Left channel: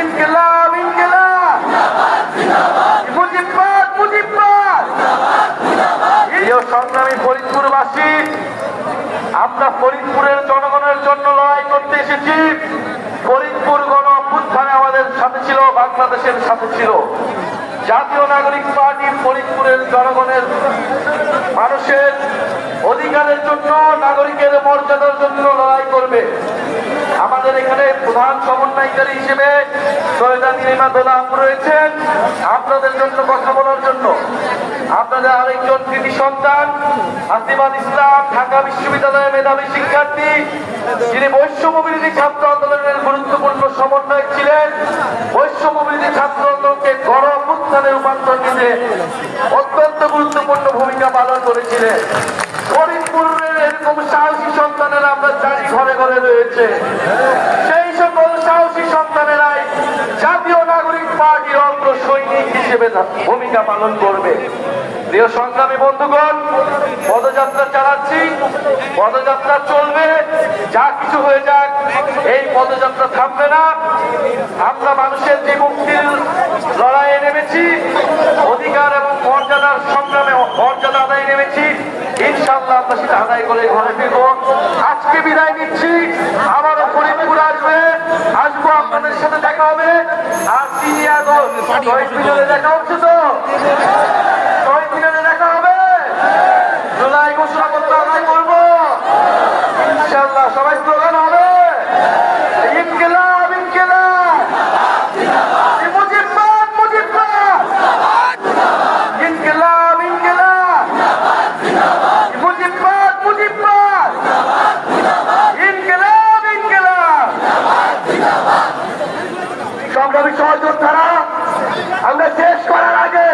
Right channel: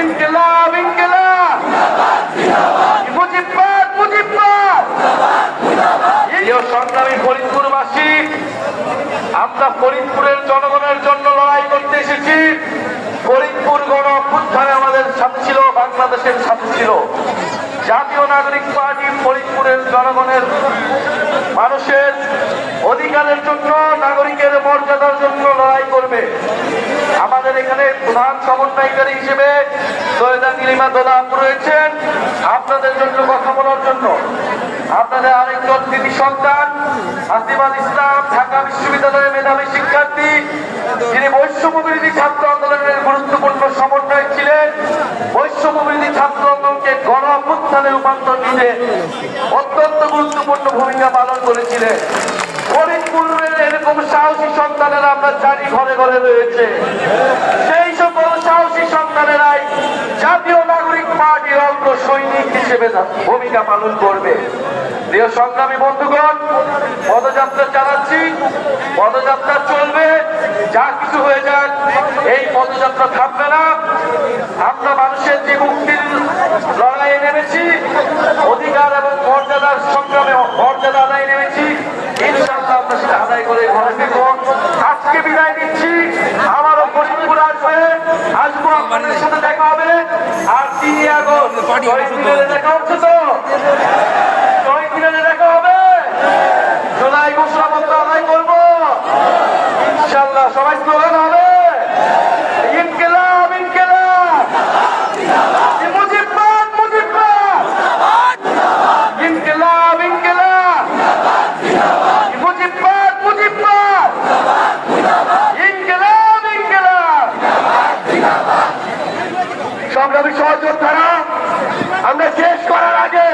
ইনকিলাব ইনকিলাব মুজিববাদ মুজিববাদ। প্রিয় সংগ্রামী ফরিদপুরবাসী, আমরা ফরিদপুরের জনগণের জন্য লড়াই করতে এসেছি। ফরিদপুর গণ অভ্যুত্থানে আমাদের সাথে ছিল, বাংলাদেশের সাথে ছিল। জাতীয় নাগরিক পার্টি ফরিদপুরের জনগণের মানুষের অধিকারের জন্য, নাগরিকের মর্যাদার জন্য লড়াই করবে। আমাদের এখানে প্রধান সমন্বয়কারী হিসেবে সৈয়দা নীলিমা দোলা আপু রয়েছেন আপনাদের জন্য কথা বলার জন্য। আপনাদের আরেকজন কৃতি সন্তান হাসিবাল ইসলাম, ঢাকা বিশ্ববিদ্যালয়ের মেধাবী শিক্ষার্থী, যিনি বৈষম্য বিরোধী ছাত্র আন্দোলনের গুরুত্বপূর্ণ সমন্বয়ক ছিলেন। বৈষম্য বিরোধী ছাত্র আন্দোলনকে গণ অভ্যুত্থানে রূপান্তর দিতে অত্যন্ত গুরুত্বপূর্ণ ভূমিকা পালন করেছিলেন। ফরিদপুরের এরকম সাহসী সন্তানেরা আপনার চারি ঘরে ঘরে রয়েছে। সেই সকল সাহসী সন্তানেরাই জাতীয় নাগরিক পার্টির অগ্র সৈনিক হিসেবে ভূমিকা পালন করবে। প্রিয় সংগ্রামী বন্ধুগণ, পদযাত্রা চালাচ্ছি, পদযাত্রা চলবে, যা কিছু হয়ে যাক এই পদযাত্রা থামবে না। আমরা মানুষের যে মুক্তির লড়াইয়ে নেমেছি, অধিকার এবং মর্যাদার সংগ্রামে মর্যাদা আদায় নেমেছি, ইনশাআল্লাহ আমরা সেটা আদায় করে ঘরে ফিরব। আজকে বিদায় নিচ্ছি, আবারও পরিবারে আসবো, আপনাদের সাথে দেখা হবে। আর 3 আগস্ট দেখা হচ্ছে তো, দেখা হবে। জুলাই ঘোষণাপত্র আদায় করবো ইনশাআল্লাহ। সবাই স্লোগান হবে ইনকিলাব ইনকিলাব মুজিববাদ মুজিববাদ ইনকিলাব ইনকিলাব মুজিববাদ মুজিববাদ ইনকিলাব ইনকিলাব। সংগ্রামী সহযোদ্ধারা, আমরা শেষ করার আগে